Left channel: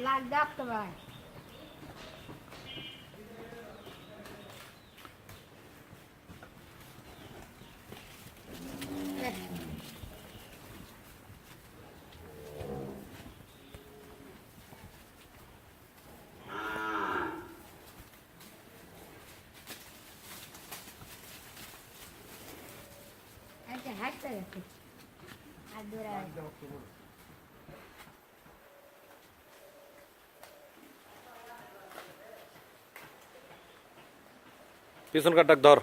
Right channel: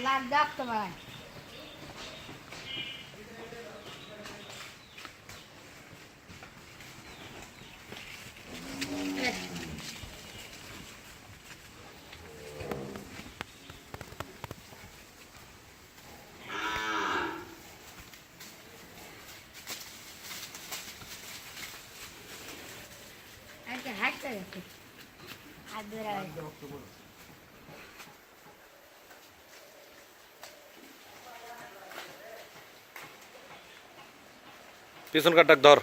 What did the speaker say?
लाग जास्त मला हात करायचं हात धरायचं पिसून काट टाक धर